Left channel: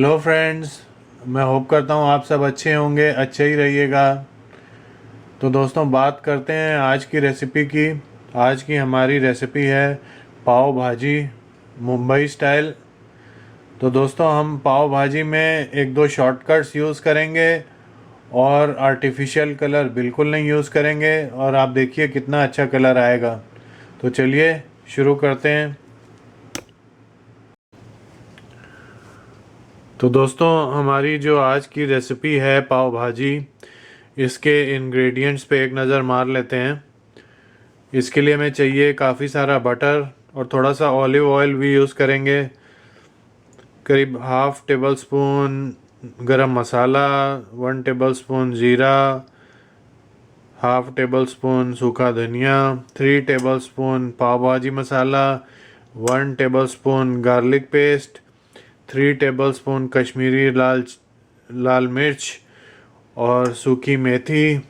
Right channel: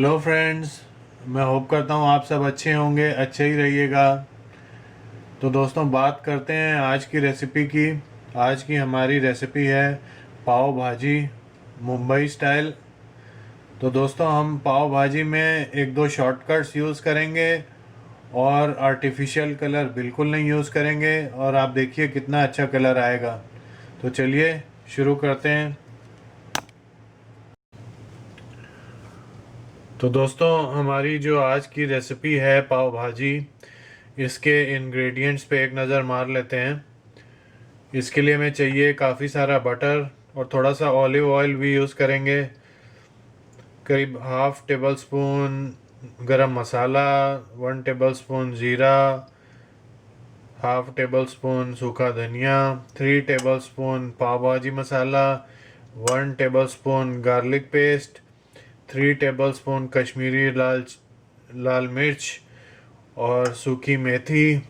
Hello friends. मैं hope करता हूँ आप सब अच्छे होंगे, अच्छे ही रहिएगा। तो दोस्तों, बात करते हैं आज की रेसिपी की। आज की हमारी रेसिपी है पाव भाजी, मुंबई स्टाइल। तो दोस्तों, हम पाव भाजी में एक दो शॉर्टकट्स यूज़ करेंगे और आर्टिफिशियल कलर बिल्कुल नहीं यूज़ करेंगे, और आप देखिए कितना अच्छा कलर आएगा। तो चलिए शुरू करते हैं। तो दोस्तों, हमारी जो आज की रेसिपी है पाव भाजी, इसके इंग्रेडिएंट्स पे एक नज़र मार लेते हैं। इसके लिए हमें चाहिए काफ़ी सारा बटर, और थोड़ा सा ऑलिव ऑयल भी यूज़ करेंगे। करीब हाफ टेबल स्पून गरम मसाला, 1 टेबल स्पून ज़ीरा, हाफ टेबल स्पून सूखा धनिया, 3 टेबल स्पून पाव भाजी मसाला, 1 tablespoon garlic paste, 3 tablespoon Kashmiri लाल लाल मिर्च और सूखी मेथी।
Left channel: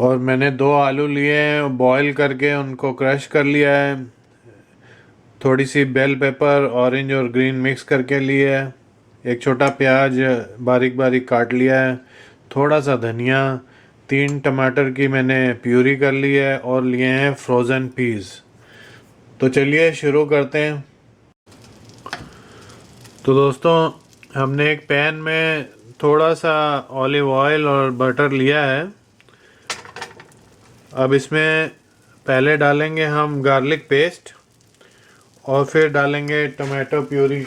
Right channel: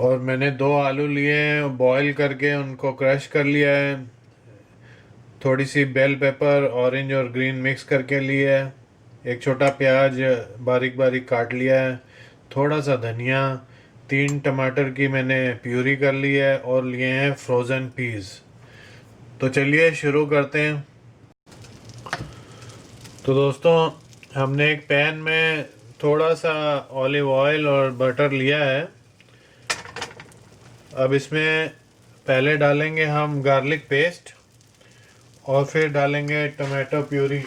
और मैंने 2 आलू लिए हैं, बॉईल करके उनको क्रश कर लिया है। थोड़ी सी बेल पेपर ऑरेंज और ग्रीन मिक्स करके लिया है। एक छोटा प्याज बारीक बारीक काट लिया है। थोड़ा सा धनिया, 3 टमाटर की मैंने प्यूरी कर ली है, और लिए हैं फ्रोज़न पीस। तो चलिए शुरू करते हैं। तो दोस्तों, हमने एक पैन में थोड़ा सा ऑलिव ऑयल और बटर लिया है। अब इसमें पहले डालेंगे हम गार्लिक पेस्ट, और फिर डालेंगे टमाटो प्यूरी।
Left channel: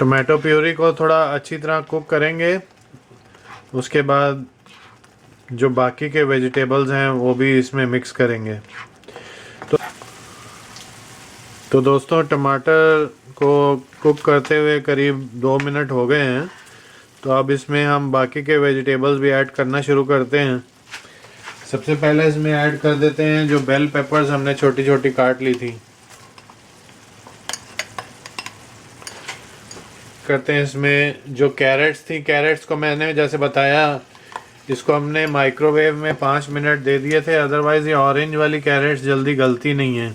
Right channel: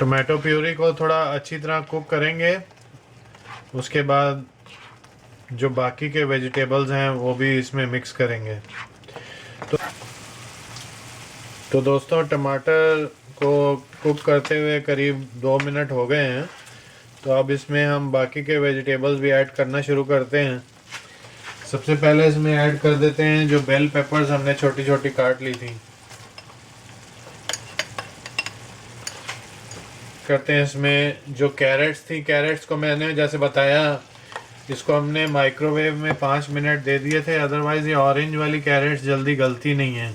टमाटो प्यूरी को थोड़ा अच्छी तरह कुक करेंगे। उसके बाद जो बाकी के वेजिटेबल्स हैं वो भी इसमें मिक्स करेंगे। तो दोस्तों, टमाटर को कुक करते हुए करीब 2 मिनट हो गए हैं। तो अब इसमें हम बाकी के वेजिटेबल्स भी ऐड करना शुरू करते हैं। सबसे पहले इसमें ऐड कर देते हैं जो बेल पेपर्स हमने छोटी छोटी काट ली थी। करते हैं इसमें जो कैरेट्स थी, कैरेट्स को मैंने जैसे बताया, इसको हमने माइक्रोवेव में 5 मिनट दे दिए थे। अदरवाइज़ ये ऑरेंज वाली कैरेट्स जल्दी गलती नहीं है।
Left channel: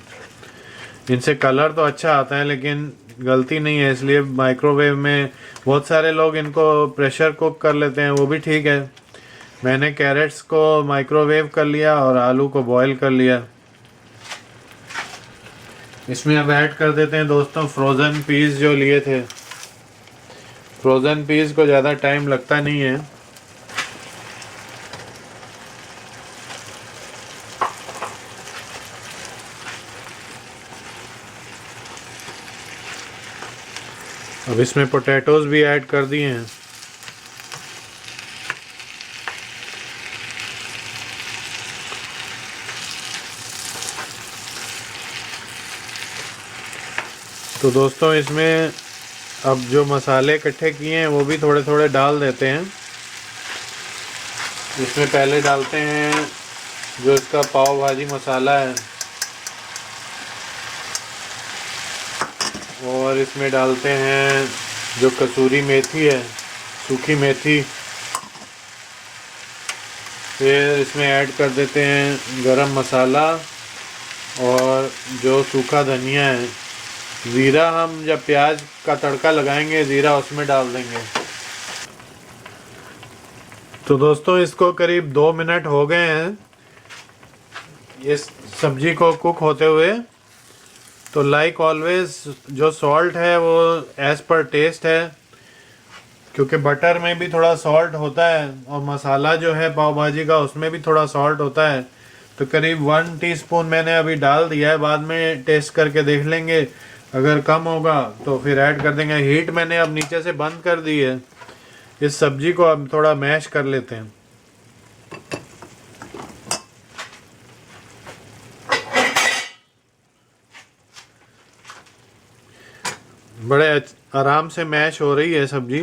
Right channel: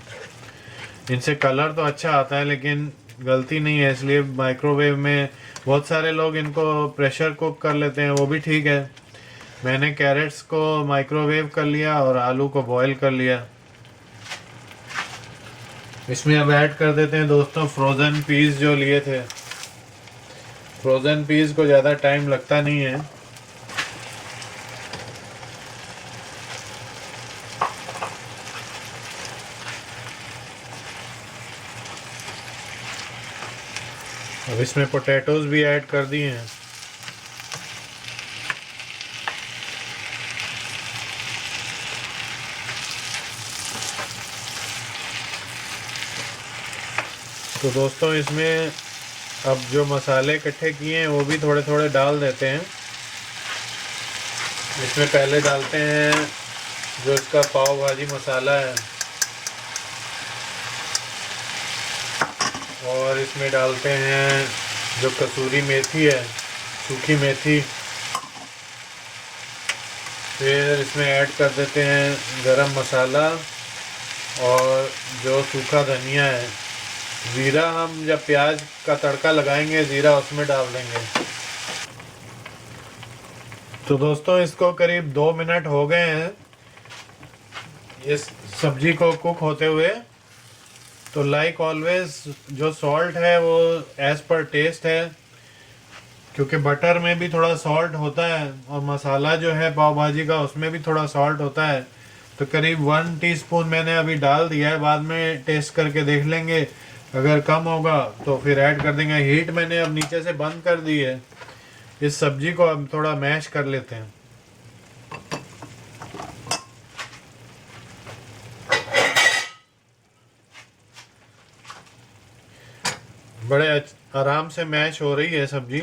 इनसे कलर तो अच्छा आता है लेकिन गलती नहीं है, इसलिए माइक्रोवेव में बहुत सारे लोग इनको प्रेशर कुक कर लेते हैं, वो भी ठीक है। मैंने कैरेट्स को माइक्रोवेव कर लिया और आलू को बॉईल कर लिया। इसमें अब ऐड कर देते हैं दोस्तों फ्रोज़न पीस जो लिए थे। फ्रोज़न पीस को ज़्यादा टाइम लगता नहीं है। अब इसमें पोटैटोज भी ऐड कर दिए हैं। तो दोस्तों, इसमें अब जो मसाले इकट्ठे किए हैं वो भी थोड़े थोड़े डाल देते हैं। इसमें पहले डालते हैं जो इसका पाव भाजी मसाला है, और इसमें डालते हैं जो कसूरी मेथी है, सूखी मेथी। फिर इसमें ऐड कर देते हैं गरम मसाला, और जो सूखा धनिया है। ज़ीरा हम जब प्याज का तड़का लगाएंगे ज़ीरा उसमें डाल देंगे। तो दोस्तों, इसको करीब 2 मिनट हो गए हैं इस सब्जी को कुक होते हुए। तो लाइक ऑलवेज जो सॉल्ट है वो एज़ पर टेस्ट है, क्योंकि बटर में भी थोड़ा सॉल्ट होता है, और मसाला जो है पाव भाजी का उसमें भी थोड़ा सॉल्ट होता है। तो करीब 1 टीस्पून मैंने अभी डाल दिया है, बाद में टेस्ट करके देख लेंगे। अगर कम होगा तो फिर ऐड कर देंगे। हीट मैंने अब नीचे से बंद कर दी है। इस सब्जी को अब थोड़ा मैश कर लेते हैं। बड़े आराम से मैश हो रही है सब्जी।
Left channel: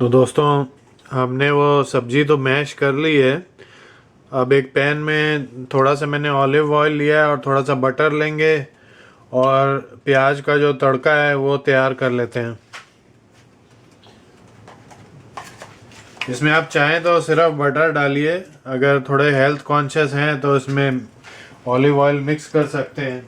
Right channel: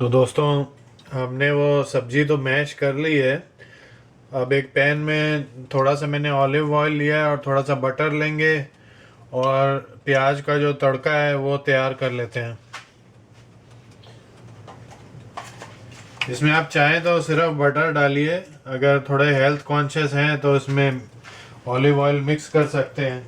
तो दोस्तों हमने वो सब्जी तो मैश कर ली है। अब एक पैन में थोड़ा सा मैंने ऑलिव ऑयल लिया है और थोड़ा सा बटर लेंगे और प्याज का जो तड़का है वो तैयार कर लेते हैं। इसमें आप चाहें तो सिर्फ बटर डालिए, अगर थोड़े हेल्थ कॉन्शियस हैं तो इसमें ऑलिव ऑयल मिक्स कर सकते हैं।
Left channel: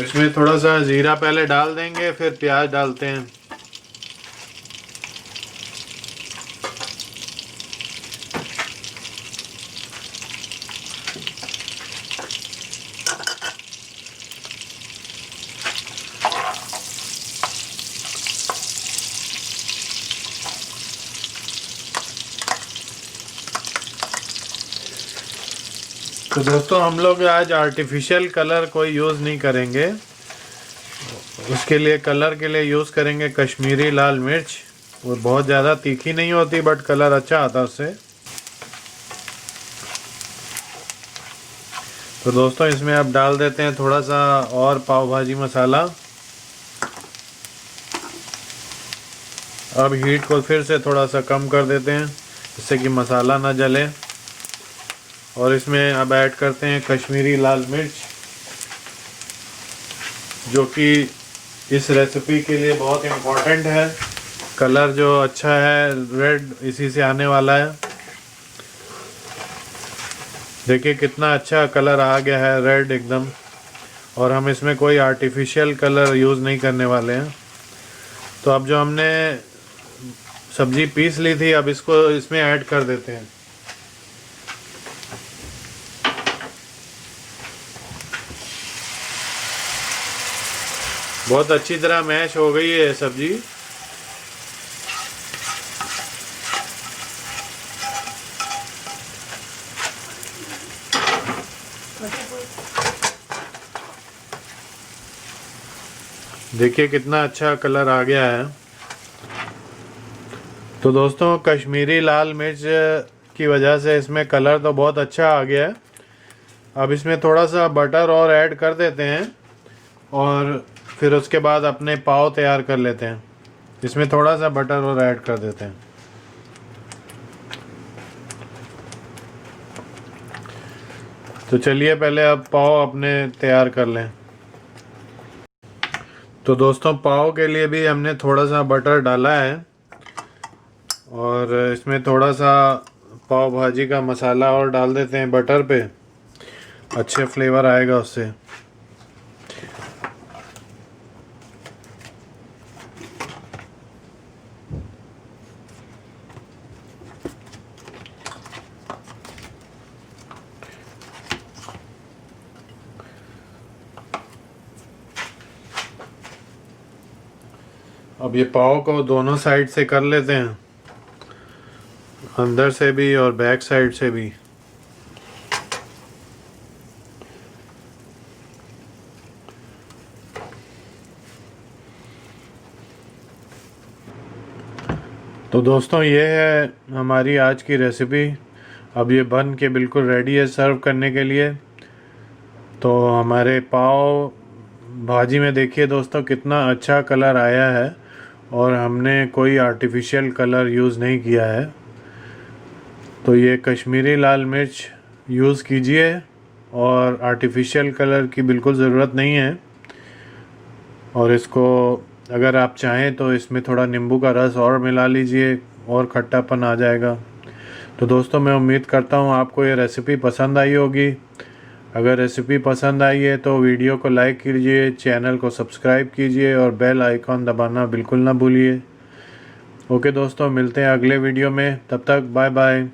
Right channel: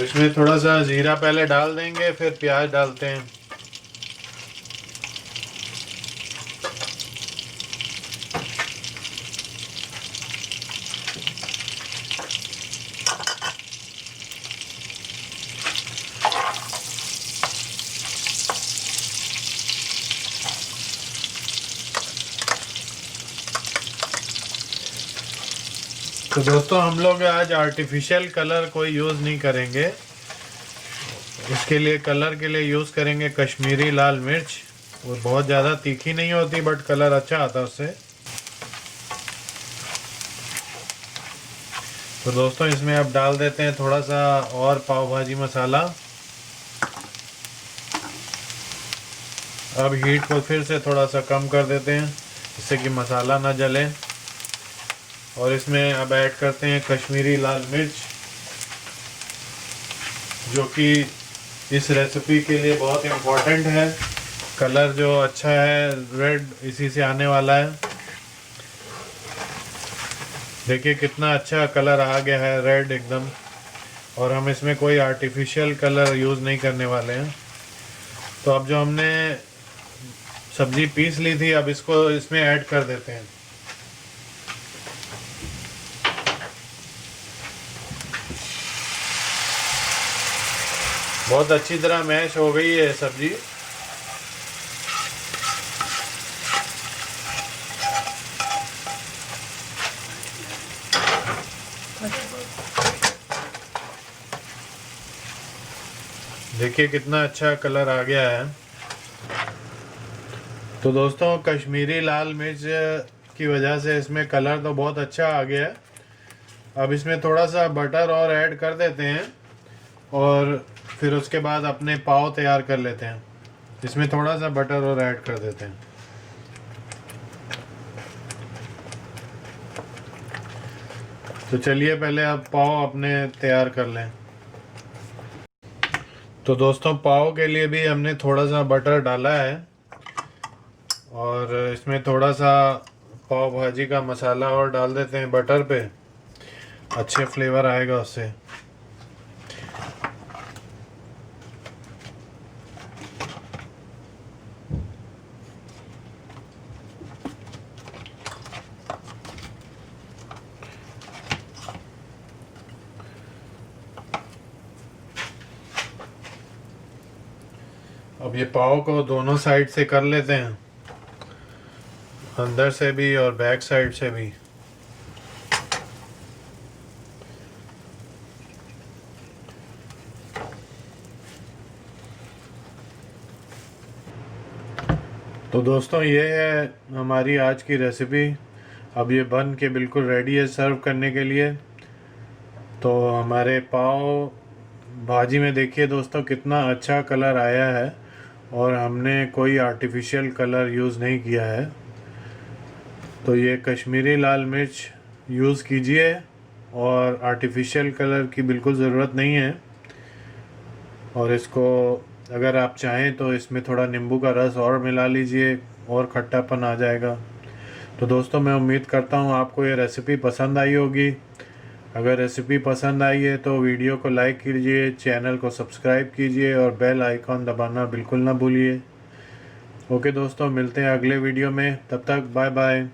इसमें थोड़ा सा जीरा पहले डाल देंगे, फिर प्याज डालते हैं। तो दोस्तों हम लोग आज आर्टिफिशियल कलर कोई यूज़ नहीं करेंगे। इसके लिए कलर के लिए यूज़ करेंगे कश्मीरी लाल मिर्च। वो बहुत ज़्यादा तीखी नहीं होती बट कलर अच्छा आता है उससे। तो दोस्तों इसमें अब डाल देते हैं थोड़ा सा और पाव भाजी मसाला। अब हीट को फिर से थोड़ा सा कम कर देते हैं जिससे कि मसाला ना जले। और इसमें अब ऐड करते हैं कश्मीरी लाल मिर्च, जो कि इस रेसिपी के लिए बहुत इम्पोर्टेंट है। कलर जो अच्छा है रेड इसी से आने वाला है। देखिए कितना अच्छा कलर आ गया है रेड एकदम। और हम इसमें कोई आर्टिफिशियल कलर यूज़ नहीं करने वाले हैं। तो अब जो हमने सब्जी पीस ली थी अब इसको इसमें ऐड कर देते हैं। बहुत अच्छी तरह मैश हो गई है सब्जी। देखिए कितना अच्छा कलर आ गया है। तो दोस्तों कश्मीरी लाल मिर्च की वजह से इसमें कलर तो बहुत अच्छा आ गया है। अब इसमें थोड़ा सा बटर और ऐड कर देते हैं और फिर उसके बाद अपने पाव तैयार कर लेते हैं। इसमें थोड़ा सा बटर और ऐड कर देते हैं। तो चलिए पहले अब पाव अपने तैयार कर लें। तो दोस्तों पाव के लिए भी हमने थोड़ा सा बटर डाला है और इसमें थोड़ा सा पाव भाजी का मसाला और डाल देते हैं बटर पे, अच्छे फ्लेवर आएगा उससे। अब ये पाव को दोनों साइड से कर लेते हैं, अंदर से भी और बैक साइड से भी। तो दोस्तों ये है हमारी आज की रेसिपी। अब ये बन के बिल्कुल रेडी है सर्व करने के लिए। तो हमारे पाव भाजी में देखिए दोस्तों कितना अच्छा कलर आया है और हमने कोई आर्टिफिशियल कलर यूज़ नहीं किया है। तो ये कश्मीरी लाल मिर्च यूज़ कीजिए और आर्टिफिशियल कलर की बिल्कुल ज़रूरत नहीं है। और इसको अगर आप चाहें तो इसमें थोड़ा नींबू का रस और मिला लीजिए और खट्टापन आ जाएगा। तो दोस्तों मैं उम्मीद करता हूँ आपको ये रेसिपी पसंद आई होगी। अगर रेसिपी पसंद आई है तो वीडियो को लाइक कीजिए, चैनल को सब्सक्राइब कीजिए और बेल आइकॉन दबाना बिल्कुल ना भूलिए। ओके दोस्तों मिलते हैं अगले वीडियो में, तब तक बाय बाय।